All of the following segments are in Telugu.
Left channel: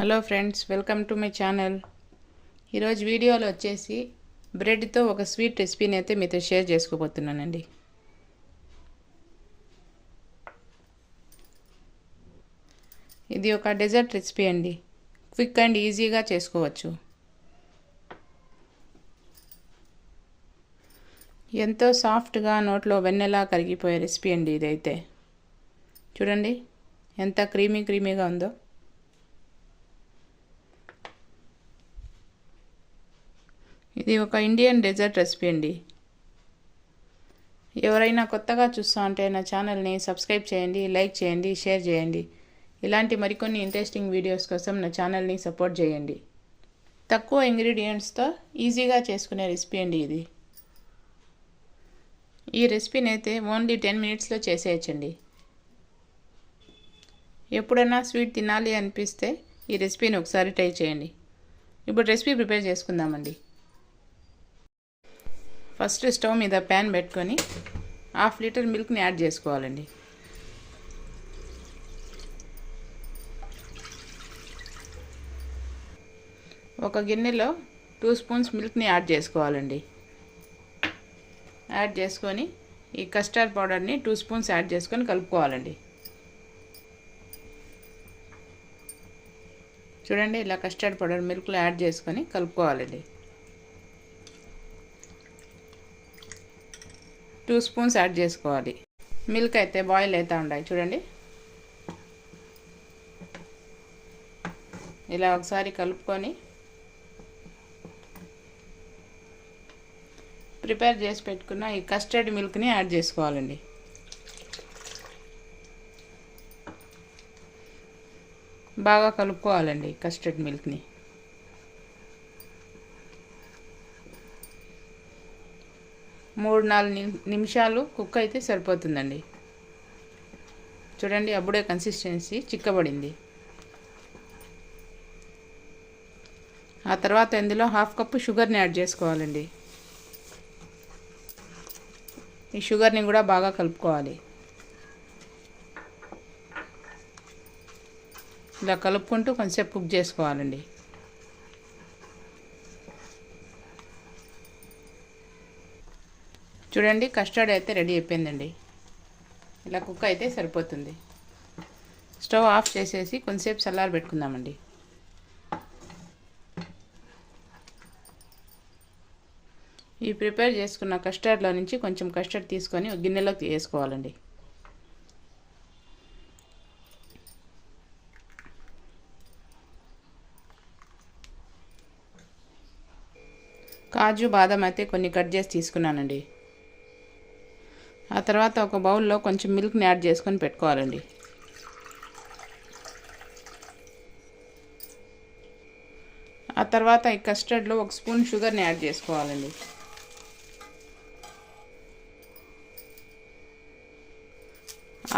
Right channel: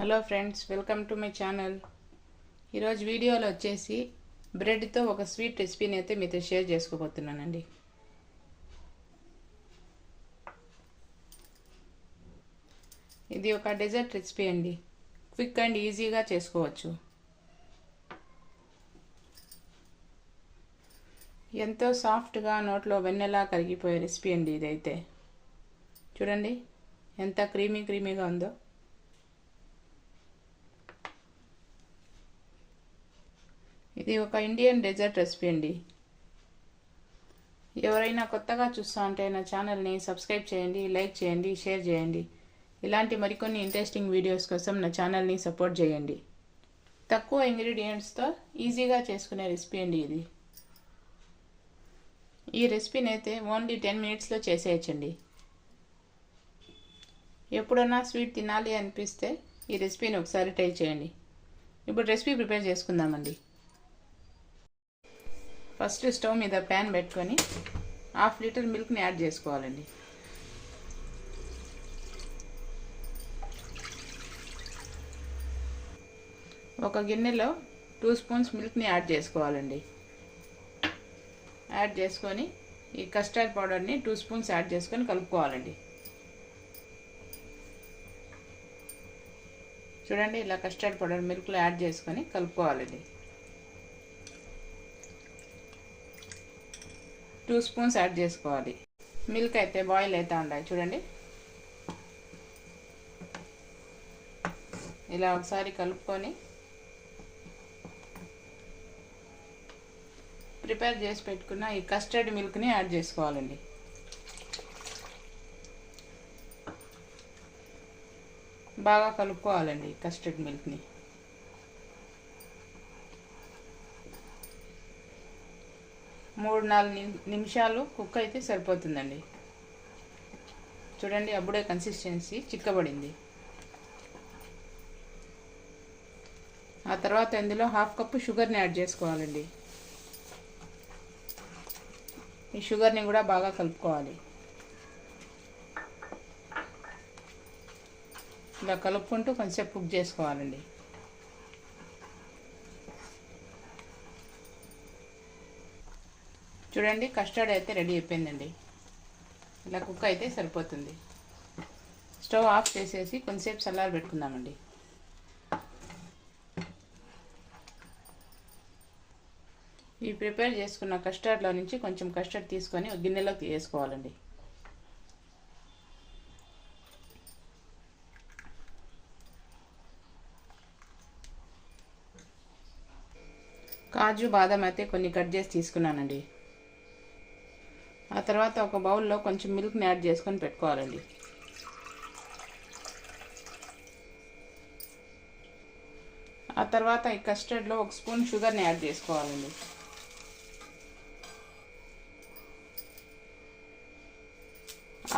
Hello friends, welcome to my channel. ఈరోజు వీడియోలో వచ్చేసి బ్రెడ్తో ఒక స్వీట్ రెసిపీని అయితే మీతో షేర్ చేసుకోబోతున్నానండి. ఇది ఒక డెజర్ట్ రెసిపీ అండి. క్విక్ అండ్ ఈజీగా చేసుకోవచ్చు. ఎంతో సాఫ్ట్గా నోట్లో వెన్నెలా కరిగిపోయే రెసిపీ అండి ఇదైతే. చూడండి ఎంత క్రీమీగా ఉందో. ఇది ఒక ఇండియన్ డెజర్ట్ రెసిపీ అండి. ఎవరైనా కొత్తగా చూస్తూ ఉంటే నా ఛానల్ని సబ్స్క్రైబ్ చేయండి, లైక్ చేయండి, షేర్ చేయండి. ఇలాంటి మరికొన్ని ఇంట్రెస్టింగ్ వీడియోస్ కోసం నా ఛానల్ని సపోర్ట్ చేయండి. తక్కువ ఇంగ్రీడియంట్స్తో ఈజీగా చేసుకునే రెసిపీ అండి ఇది. ఈ రెసిపీని అయితే ఓన్లీ 10 మినిట్స్లో చేసేయచ్చండి. ఎప్పుడైనా స్వీట్ తినాలి అనిపిస్తే ఈ రెసిపీని ఒకసారి ట్రై చేయండి. ఇప్పుడు రెసిపీ ప్రిపేర్ చేసుకుందామండి. ఫస్ట్ స్టవ్ మీద ప్యాన్ పెట్టుకొని 1/2 లీటర్ మిల్క్ని యాడ్ చేసుకోవాలండి. ఒక గిన్నెలో 2 స్పూన్స్ మిల్క్ని యాడ్ చేసుకోవాలండి. యాడ్ చేసుకొని ఈ కస్టర్డ్ పౌడర్ని 2 స్పూన్స్ యాడ్ చేసుకొని కలుపుకోవాలండి. చూడండి, ఇలా కస్టర్డ్ పౌడర్ మిల్క్లో యాడ్ చేసుకొని కలుపుకోవాలండి. 2 స్పూన్స్ యాడ్ చేసుకోవాలి. మిల్క్ అయితే బాయిల్ అవుతూ ఉండాలి. చూడండి, ఇలా ఒకసారి కలుపుకొని ప్రిపేర్ చేసి పెట్టుకున్న ఈ కస్టర్డ్ మిల్క్ని యాడ్ చేసుకోవాలండి. బాగా కలుపుకోవాలండి కస్టర్డ్ మిల్క్ని. 3-4 నిమిషాలు కుక్ అయితే సరిపోతుందండి. చూడండి, అప్పుడే కన్సిస్టెన్సీ చిక్కబడింది. ఆ తర్వాత ఇందులో 1/2 కప్పు షుగర్ని యాడ్ చేసుకోవాలండి. ఈ షుగర్ని కూడా బాగా కలుపుకోవాలి. ఇలా కలుపుకుంటూ కొంచెంసేపు కుక్ చేసుకోవాలండి. చూడండి, కస్టర్డ్ అయితే రెడీ అయిపోయిందండి. ఇలా కుక్ అయితే సరిపోతుంది. స్టవ్ ఆఫ్ చేసేసి కొంచెంసేపు చల్లారి పెట్టుకుందామండి. ఈ ప్రిపేర్ చేసుకున్న కస్టర్డ్లో నుంచి కొంచెం కస్టర్డ్ తీసుకొని ఒక గిన్నెలోకి వేసుకోవాలండి. కాజు బాదం అయితే కొన్ని కట్ చేసి తీసుకున్నానండి. ఆ తర్వాత ఒక బౌల్లో కొంచెం మిల్క్ని యాడ్ చేసుకొని పెట్టుకోవాలండి. ఆ తర్వాత ఈ కస్టర్డ్లో 1 స్పూన్ షుగర్ని యాడ్ చేసుకోవాలండి.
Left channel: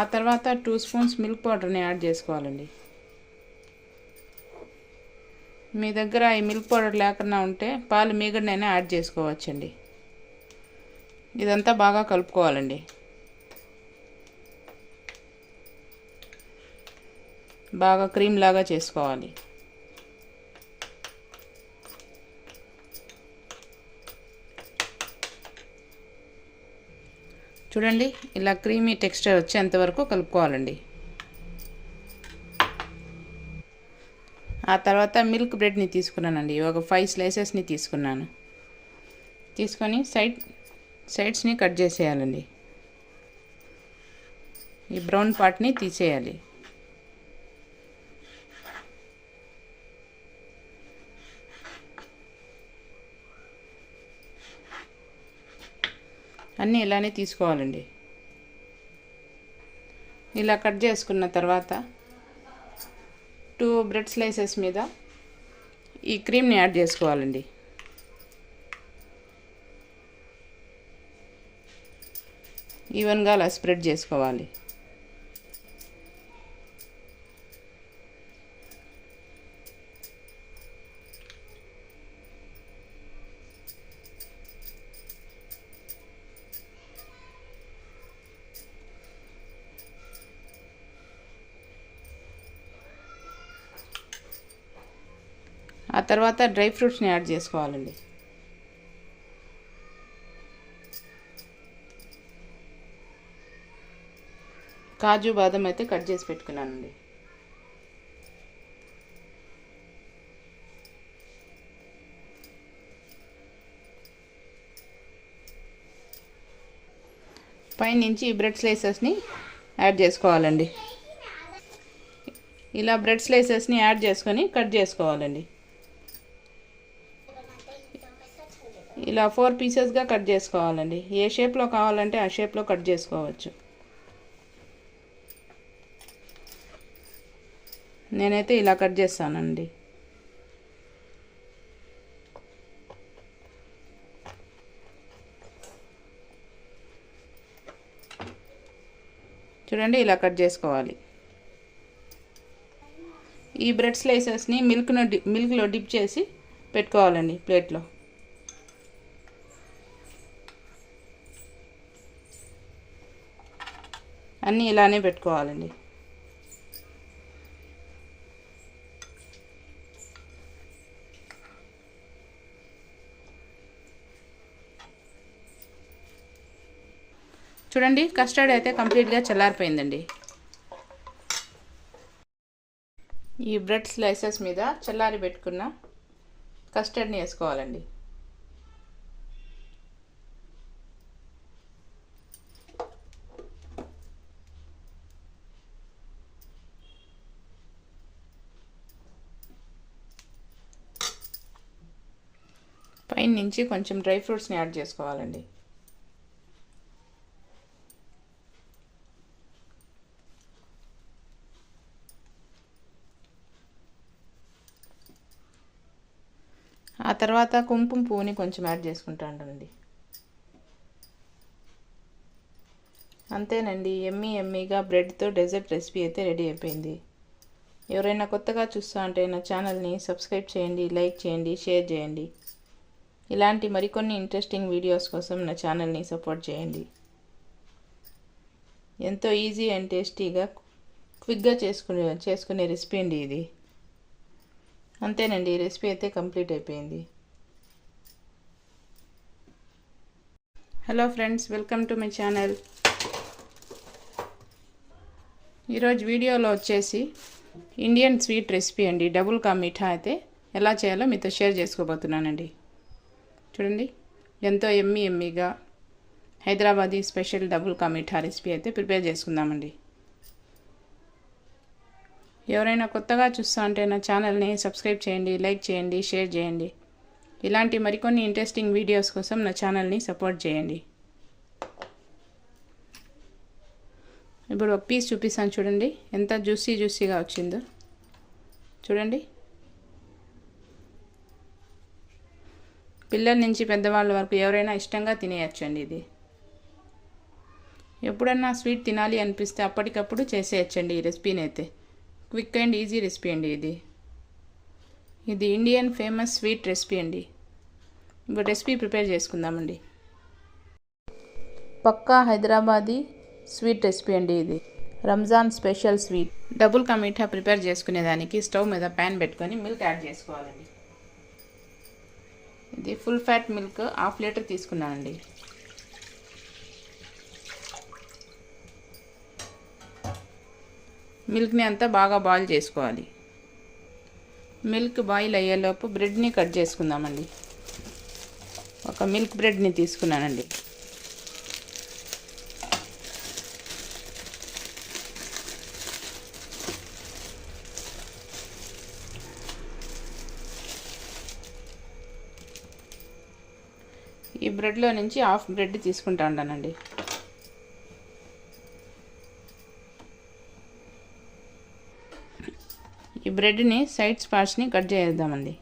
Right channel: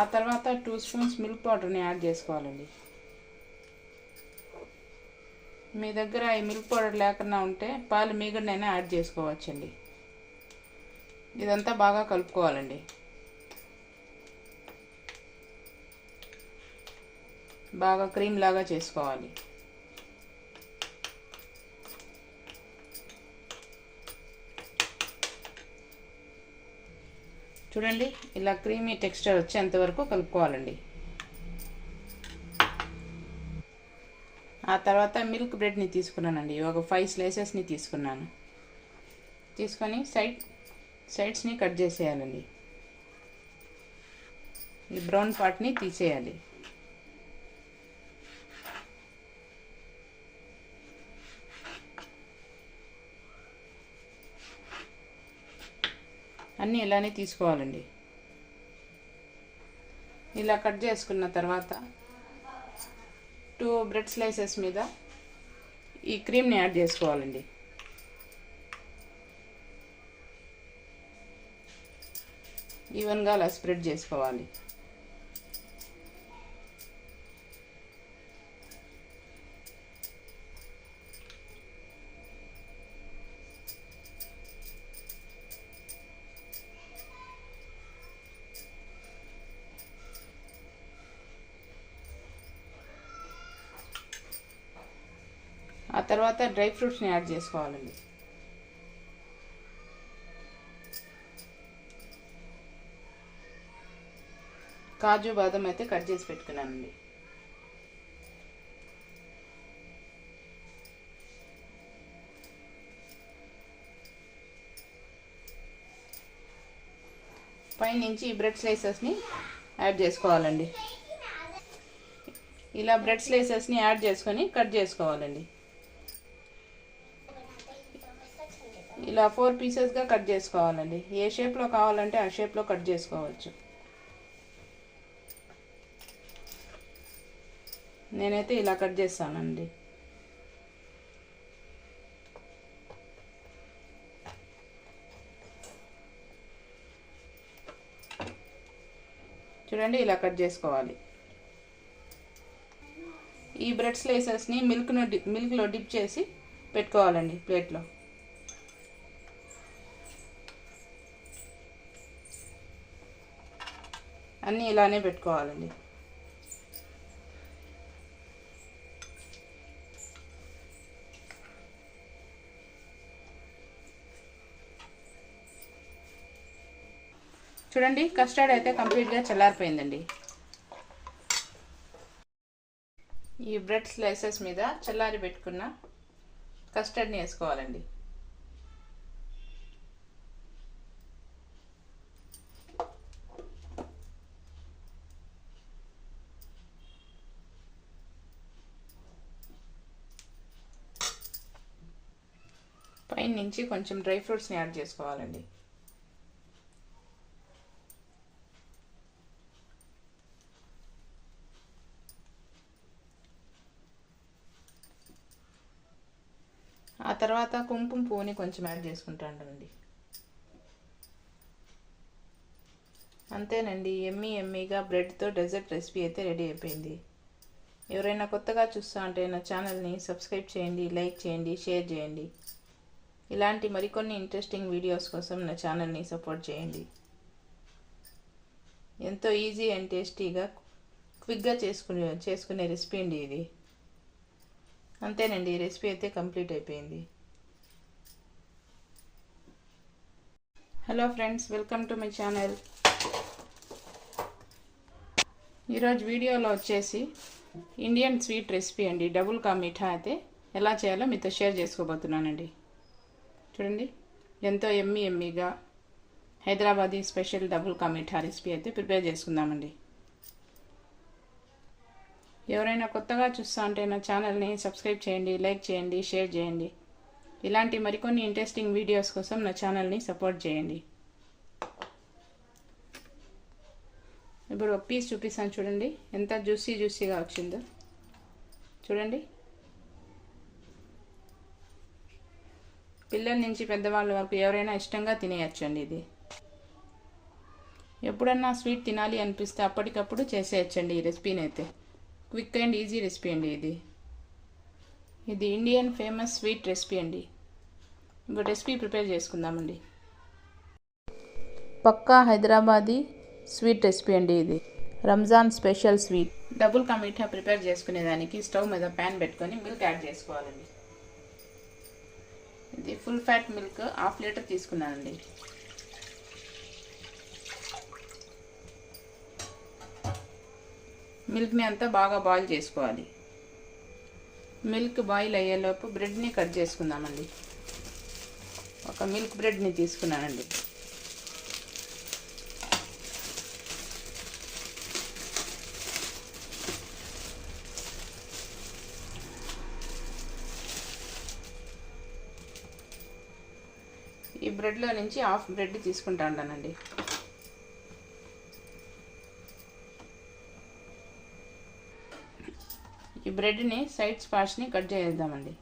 ఆ తర్వాత 2 స్పూన్స్ మిల్క్ పౌడర్ని యాడ్ చేసుకోవాలండి. మీ దగ్గర ఈ మిల్క్ పౌడర్ లేకుండా ఉంటే పాలు మీగడనైనా యాడ్ చేసుకోవచ్చండి. ఇదంతా బాగా కలుపుకోవాలండి. బాగా క్రీమ్ లాగా చేసుకోవాలి. చూడండి, ఇలా క్రీమీ టెక్స్చర్ వచ్చేంతవరకు కలుపుకోవాలండి. ఆ తర్వాత మిల్క్ బ్రెడ్ని తీసుకున్నానండి. ఒక 5 స్లైసెస్ని తీసుకున్నాను. తీసుకొని సైడ్స్ని కట్ చేసేయాలండి. ఈ బ్రౌన్ పార్ట్ని తీసేయాలి. అన్నీ ఇలానే తీసుకోవాలండి. ఇలా కట్ చేసుకున్న తర్వాత 2 బ్రెడ్ స్లైసెస్ మీద ఈ క్రీమ్ని యాడ్ చేసుకోవాలండి. ఈవెన్గా అలా స్ప్రెడ్ చేసుకోవాలి. ఆ తర్వాత డ్రై ఫ్రూట్స్ని యాడ్ చేసుకోవాలండి. కాజు బాదం అయితే కట్ చేసి పెట్టుకున్నానండి. పైనుంచి ఈ బ్రెడ్ స్లైసెస్ని యాడ్ చేసుకోవాలండి. ఇలా బ్రెడ్ స్లైసెస్ని యాడ్ చేసుకొని కట్ చేసుకోవాలండి. ఇలా 4 పీసెస్గా కట్ చేసుకోవాలండి. ఏ షేప్లో కావాలంటే ఆ షేప్లో కట్ చేసుకోవచ్చు. నేనైతే ఇలా కట్ చేస్తానండి. చూడండి, ఇలా కట్ చేసుకోవాలి. ఈ బ్రెడ్ స్లైసెస్ని మిల్క్లో డిప్ చేసి పెట్టుకోవాలండి ప్లేట్లో. అన్నీ ఇలానే పెట్టుకోవాలండి. చూడండి, కస్టర్డ్ అయితే కంప్లీట్గా చల్లారిపోయిందండి. ఈ బ్రెడ్ స్లైసెస్ మీద చల్లారి పెట్టుకున్న కస్టర్డ్ని వేసుకోవాలండి. పైన నుంచి కొంచెం డ్రై ఫ్రూట్స్ని యాడ్ చేసుకోవాలండి. ఆ తర్వాత కుంకుమ పువ్వుని కొంచెం యాడ్ చేసుకుంటానండి. అంతేనండి, ఎమ్మీగా బ్రెడ్తో డెజర్ట్ రెసిపీ అయితే రెడీ అయిపోయింది. ఎవరైనా కొత్తగా చూస్తా అంటే నా ఛానల్ని సబ్స్క్రైబ్ చేయండి, లైక్ చేయండి, షేర్ చేయండి. ఇలాంటి మరికొన్ని ఇంట్రెస్టింగ్ వీడియోస్ కోసం నా ఛానల్ని సపోర్ట్ చేయండి. ఎంతో ఈజీ అండ్ టేస్టీగా క్విక్గా చేసుకునే రెసిపీ అండి ఇది. అంతేనండి, ఈ రెసిపీ అయితే కంప్లీట్ అయిపోయింది. Hello friends, welcome to my channel. ఈరోజు వీడియోలో వచ్చేసి ఇండియన్ స్వీట్ రెసిపీ అండి, డబుల్ కా మీఠా అయితే ఎలా చేయాలో మీతో షేర్ చేసుకోబోతున్నానండి. చూడండి, ఎంతో ఎమ్మీగా Hyderabadi special double ka meetha recipe అయితే ప్రిపేర్ చేసుకుందామండి. ఎవరైనా కొత్తగా చూస్తా అంటే నా ఛానల్ని సబ్స్క్రైబ్ చేయండి, లైక్ చేయండి, షేర్ చేయండి. ఇలాంటి మరికొన్ని ఇంట్రెస్టింగ్ వీడియోస్ కోసం నా ఛానల్ని సపోర్ట్ చేయండి. ఇప్పుడు ఒక పీస్ చూపిస్తాను, చూడండి ఎంత జ్యూసీగా వచ్చిందో. చూడండి, పిల్లల నుంచి పెద్దవాళ్ళ వరకు ఎవరైనా ఇష్టంగా తినేయచ్చండి. ఇది ఎప్పుడన్నా స్వీట్ తినాలి అనిపిస్తే అప్పటికప్పుడు చేసేయచ్చండి ఈ రెసిపీని అయితే. క్విక్ అండ్ ఈజీ రెసిపీ అండి ఇది ఇండియన్ ఫేమస్ స్వీట్ రెసిపీ అండి. ఇప్పుడు రెసిపీ ప్రిపేర్ చేసుకుందామండి. పక్కా హైదరాబాదీ స్వీట్ రెసిపీ అండి ఇది. Ramzan special sweet double ka meetha prepare చేసుకునేదానికి stove మీద ప్యాన్ పెట్టుకొని మిల్క్ యాడ్ చేసుకోవాలండి. ఇది ఫుల్ ఫ్యాట్ మిల్క్ 1/2 లీటర్ తీసుకున్నానండి. మిల్క్ని అంతా బాగా బాయిల్ చేసుకోవాలి. మిల్క్ బాయిల్ అయ్యేలోపు బ్రెడ్ని కట్ చేసుకుందామండి. ఒక మిల్క్ బ్రెడ్ని తీసుకున్నానండి. ఈ బ్రెడ్లో నుంచి 1/2 బ్రెడ్ తీసుకుంటా ఉంటానండి. ఈ బ్రెడ్ని సైడ్స్ పార్ట్స్ని కట్ చేద్దామండి.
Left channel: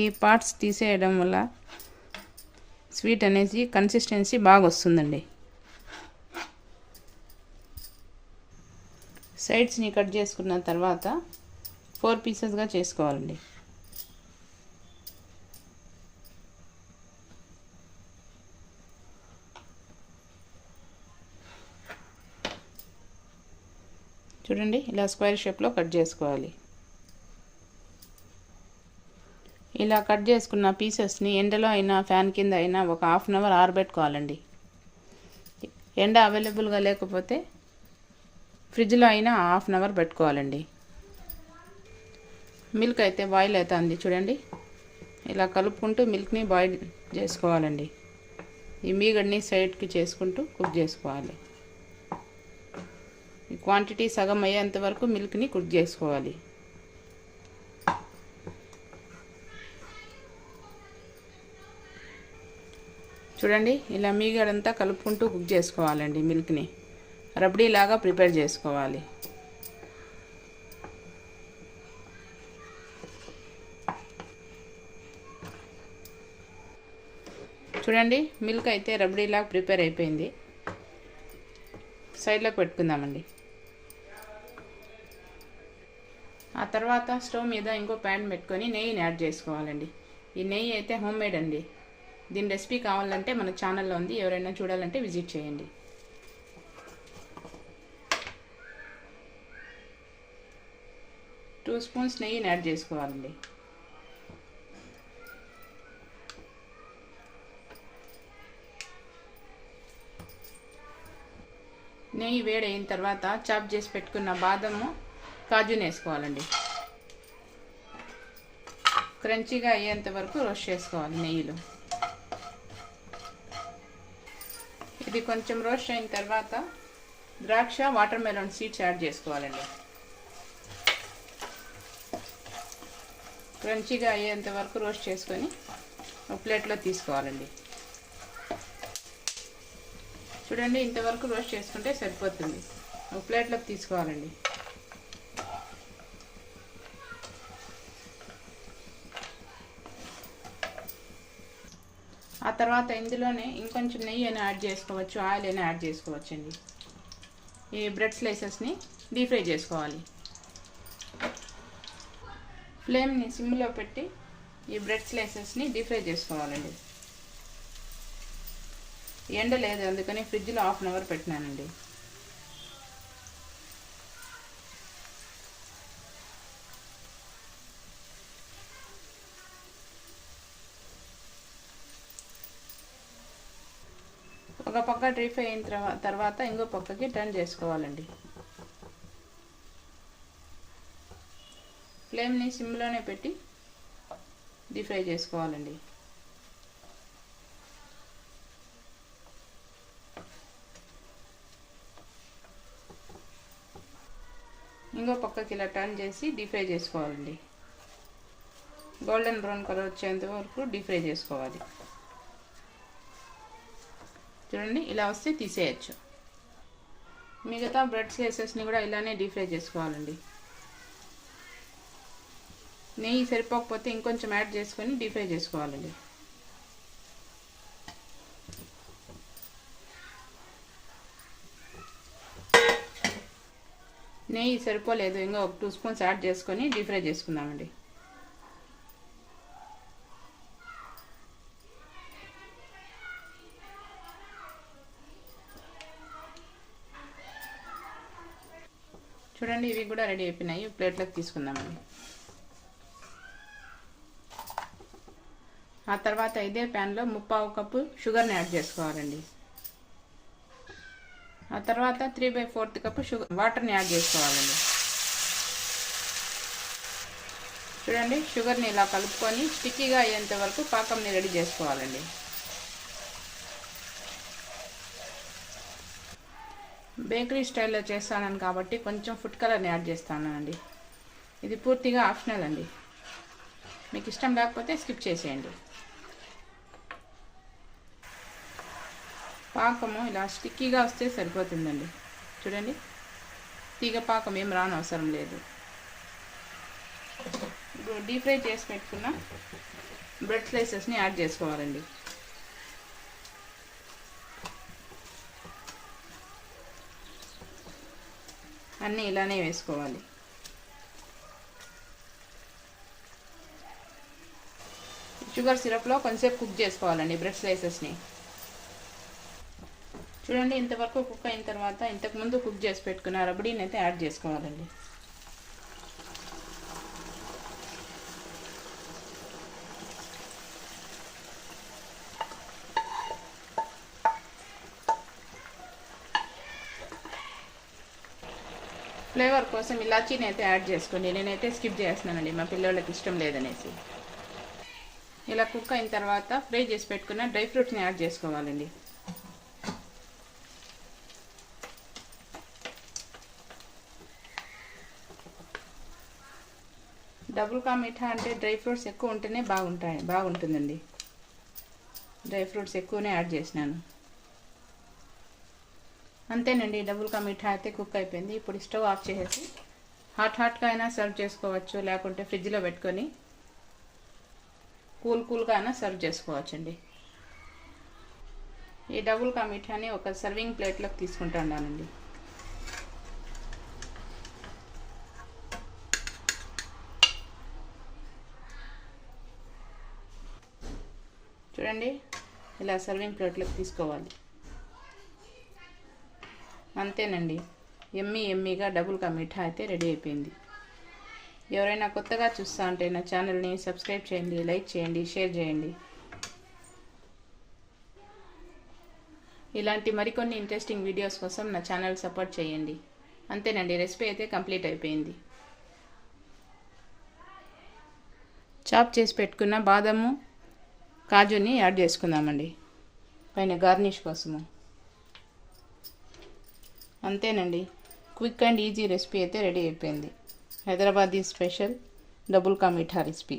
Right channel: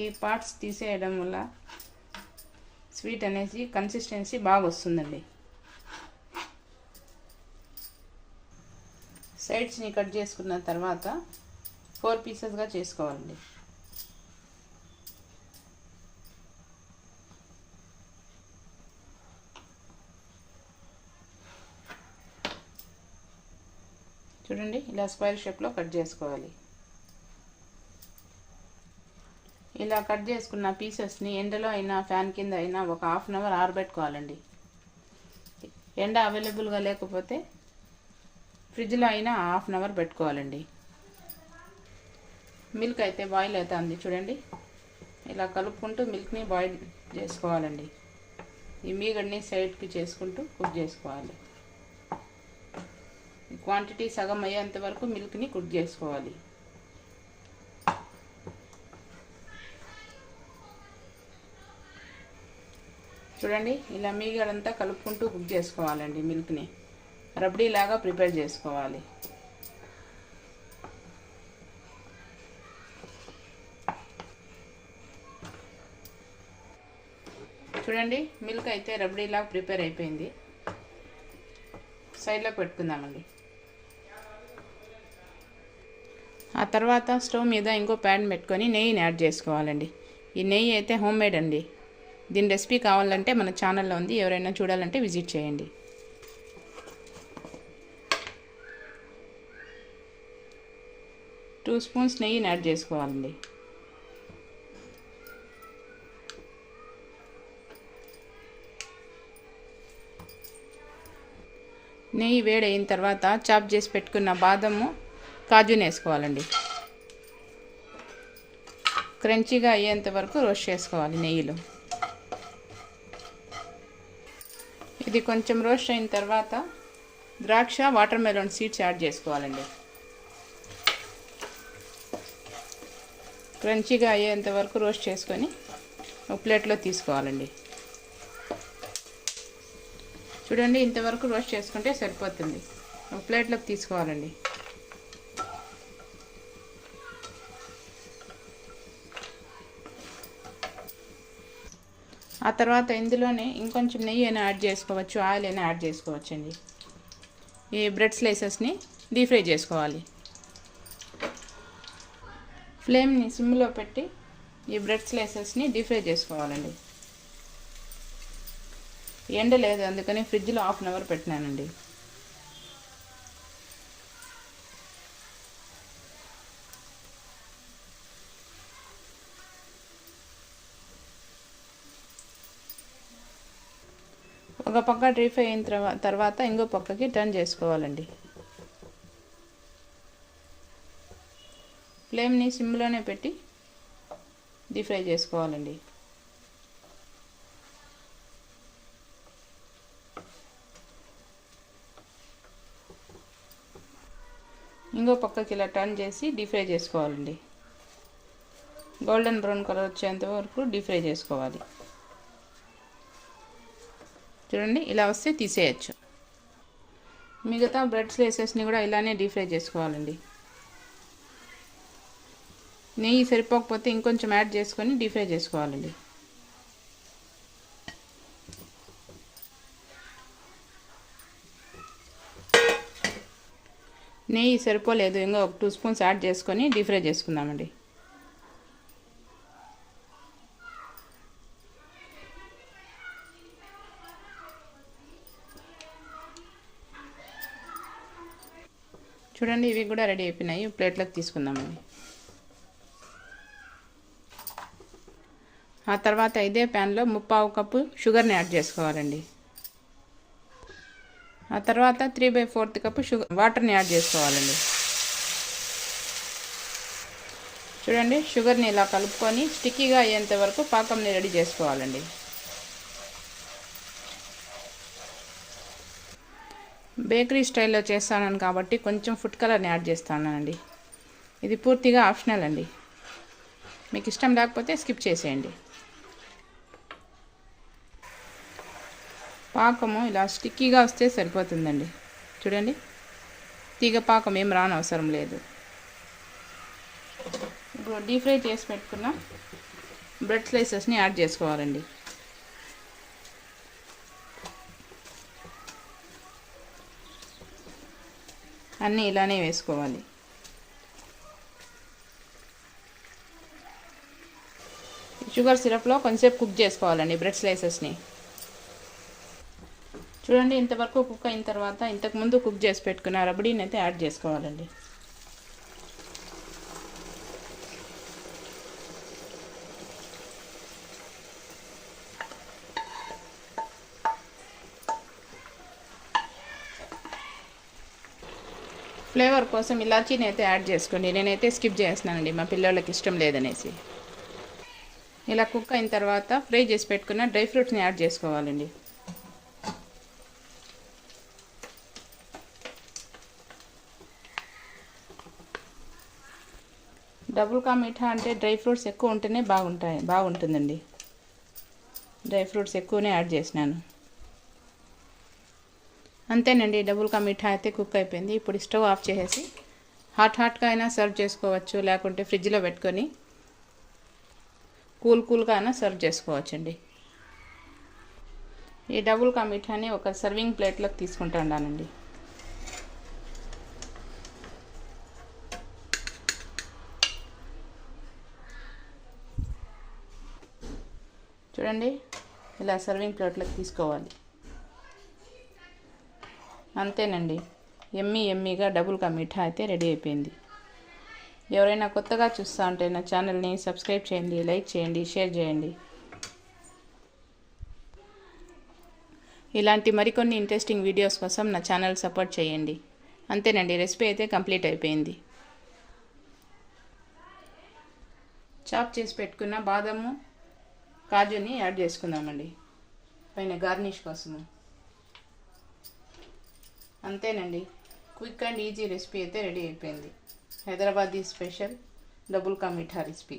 ఈ పార్ట్స్ తీసేయడం వల్ల స్వీట్ అనేసి కన్సిస్టెన్సీ బాగా వస్తుందండి. సైడ్స్ని కట్ చేసుకున్న తర్వాత 4 పీసెస్గా చేసుకోవాలండి. చూడండి ఇలా స్క్వేర్ షేప్లో కట్ చేసుకోవాలి. ఇలా కట్ చేసుకున్న పీసెస్ని ఎండలో అయినా ఫ్యాన్ కింద అయినా ఒక హాఫ్ అన్ అవర్ ఆరబెట్టుకోవాలండి. ఎండ అవైలబుల్గా లేకపోతే ఫ్రిడ్జ్లో అయినా హాఫ్ అన్ అవర్ పెట్టుకోవాలండి. మిల్క్ అయితే బాయిల్ అవుతుంది చూడండి. ఇలా కలుపుకుంటూ మిల్క్ని బాయిల్ చేసుకోవాలండి. ఈ మీగడ్ని సైడ్కి చేసుకుంటూ కుక్ చేసుకోవాలి. ఈ క్వాంటిటీ సగం అయ్యేంత వరకు మిల్క్ని కుక్ చేసుకోవాలి. చూడండి ఇలా మీగడంతా కలుపుకుంటూ కుక్ చేసుకోవాలండి. మిల్క్ని రబ్డీలాగా ప్రిపేర్ చేసుకోవాలి. చూడండి మిల్క్ అయితే రబ్డీలాగా ప్రిపేర్ అయిపోయింది. సైడ్లో పెట్టుకుందామండి. ఆ తర్వాత స్టవ్ మీద ఇంకో ప్యాన్ పెట్టుకొని నెయ్యిని యాడ్ చేసుకోవాలండి. ఈ నెయ్యి అయితే హోమ్ మేడ్ అండి. దీని రెసిపీ కావాలంటే మన ఛానల్లో ఉంది, ఎవరైనా చూడాలంటే విజిట్ చేయండి. టూ స్పూన్స్ నెయ్యిని యాడ్ చేసుకోవాలండి. నెయ్యి వేడైన తర్వాత చాప్ చేసి పెట్టుకున్న బాదము కాజుని వేసుకోవాలండి. క్రంచీగా అయ్యేంత వరకు రోస్ట్ చేసుకోవాలి నెయ్యిలో. ఇది కొంచెం రోస్ట్ అయిన తర్వాత ద్రాక్ష వాటర్ మెలన్ సీడ్స్ యాడ్ చేసుకోవాలండి. క్రంచీగా అయ్యేంత వరకు రోస్ట్ చేసుకొని ఒక ప్లేట్లో తీసుకోవాలండి. చూడండి ఇంతవరకు రోస్ట్ చేసుకుంటే సరిపోతుంది. ఒక ప్లేట్లోకి తీసుకోవాలండి. ఆ తర్వాత ఇందులోనే ఇంకొంచెం నెయ్యి అయినా యాడ్ చేసుకోవచ్చు, ఆయిల్ అయినా యాడ్ చేసుకోవచ్చు అండి. ఈ బ్రెడ్ స్లైసెస్ని డీప్ ఫ్రై చేసుకోవాలి. ఫ్లేమ్ని సిమ్లో పెట్టి ఈ బ్రెడ్ స్లైసెస్ని డీప్ ఫ్రై చేసుకోవాలండి. ఎండ లేదు అందుకని ఫ్రిడ్జ్లో హాఫ్ అన్ అవర్ పెట్టినానండి. ఒక పక్క డ్రై ఫ్రై అయిన తర్వాత ఇంకో పక్కకి టర్న్ చేసుకోవాలండి. ఫ్లేమ్ని సిమ్లోనే పెట్టి డీప్ ఫ్రై చేసుకోవాలండి. ఇంకో పక్కకి ఇలా టర్న్ చేసి డీప్ ఫ్రై చేసుకోవాలండి. గోల్డెన్ బ్రౌన్ కలర్ వచ్చేంత వరకు డీప్ ఫ్రై చేసుకోవాలి. చూడండి ఇలా వస్తే తీసేయచ్చు. మిగతా బ్రెడ్ స్లైసెస్ని కూడా ఇలానే డీప్ ఫ్రై చేసుకోవాలండి. నెయ్యి సరిపోకపోతే ఇంకొంచెం యాడ్ చేసుకొని డీప్ ఫ్రై చేసుకోవాలండి. నెయ్యి సరిపోలేదు, ఇంకా ఒక 2 స్పూన్స్ యాడ్ చేసుకొని డీప్ ఫ్రై చేసుకుందామండి. చూడండి ఇవి కూడా రెడీ అయిపోయినాయి. ప్లేట్లోకి తీసుకుందామండి. ఆ తర్వాత ఇదే ప్యాన్లో 3/4 కప్పు షుగర్ని యాడ్ చేసుకోవాలండి. ఆ తర్వాత 3/4 కప్పు వాటర్ని యాడ్ చేసుకోవాలండి. చూడండి షుగర్ని ఇలా కలుపుకొని స్టిక్కీగా అయ్యేంత వరకు పాకంని రెడీ చేసుకోవాలండి. బేకరీ స్టైల్లో చేస్తాను కాబట్టి కొంచెం ఫుడ్ కలర్ని యాడ్ చేస్తానండి. ఇది పూర్తిగా ఆప్షనల్ అండి. మీకు ఇష్టం లేకపోతే స్కిప్ చేసేయండి. పాకము ఇలా స్టిక్కీగా వస్తే సరిపోతుందండి. చూడండి తీగ పాకం ఏం రానవసరం లేదు. ఇప్పుడు డీప్ ఫ్రై చేసి పెట్టుకున్న బ్రెడ్ స్లైసెస్ని యాడ్ చేసుకోవాలండి. అన్నీ ఇలానే వేసుకోవాలి. షుగర్ సిరప్లో కొంచెంసేపు కుక్ చేసుకోవాలండి బ్రెడ్ స్లైసెస్ని. చూడండి, ఇంతవరకు కుక్ అయిన తర్వాత ఇంతకుముందు కుక్ చేసి పెట్టుకున్న రబడీని అయితే యాడ్ చేసుకోవాలండి. ఫ్లేవర్ కోసం ఇలాచీని అయితే యాడ్ చేసుకోండి. నేనైతే స్కిప్ చేస్తున్నానండి, మా పిల్లలకి ఇష్టం లేదనేసి. ఇలా కుక్ అయిన తర్వాత ఫ్రై చేసి పెట్టుకున్న డ్రై ఫ్రూట్స్ని యాడ్ చేసుకోవాలండి. డబుల్ కా మీఠా అంటే డ్రై ఫ్రూట్స్ ఎక్కువ ఉంటేనే బాగుంటుందండి. డ్రై ఫ్రూట్స్ ఎక్కువనే యాడ్ చేసినాను. అంతేనండి, డబుల్ కా మీఠా అయితే కుక్ అయిపోయింది. ఇప్పుడు స్టవ్ ఆఫ్ చేసేసి హాట్గా అయినా సర్వ్ చేసుకోవచ్చు, లేకుంటే ఫ్రిడ్జ్లో పెట్టుకొని కూల్గా అయినా సర్వ్ చేసుకోవచ్చండి. ఈ డబుల్ కా మీఠాని ఒక సర్వింగ్ ప్లేట్లోకి తీసుకుంటానండి. చూడండి, ఇలా సర్వింగ్ ప్లేట్లోకి తీసుకోవాలి. అంతేనండి, ఎమ్మీగా డబుల్ కా మీఠా అయితే రెడీ అయిపోయింది. ఎవరైనా కొత్తగా చూస్తూ ఉంటే నా ఛానల్ని సబ్స్క్రైబ్ చేయండి, లైక్ చేయండి, షేర్ చేయండి. ఇలాంటి మరికొన్ని ఇంట్రెస్టింగ్ వీడియోస్ కోసం నా ఛానల్ సపోర్ట్ చేయండి. అంతేనండి, రెసిపీ అయితే కంప్లీట్ అయిపోయింది. చాప్ చేసి పెట్టుకున్న బాదము, కాజుని యాడ్ చేసుకుందామండి పైన గార్నిష్ కోసము. అంతేనండి, క్విక్ అండ్ ఈజీ రెసిపీ అయితే రెడీ అయిపోయింది. Hyderabadi special double ka meetha recipe.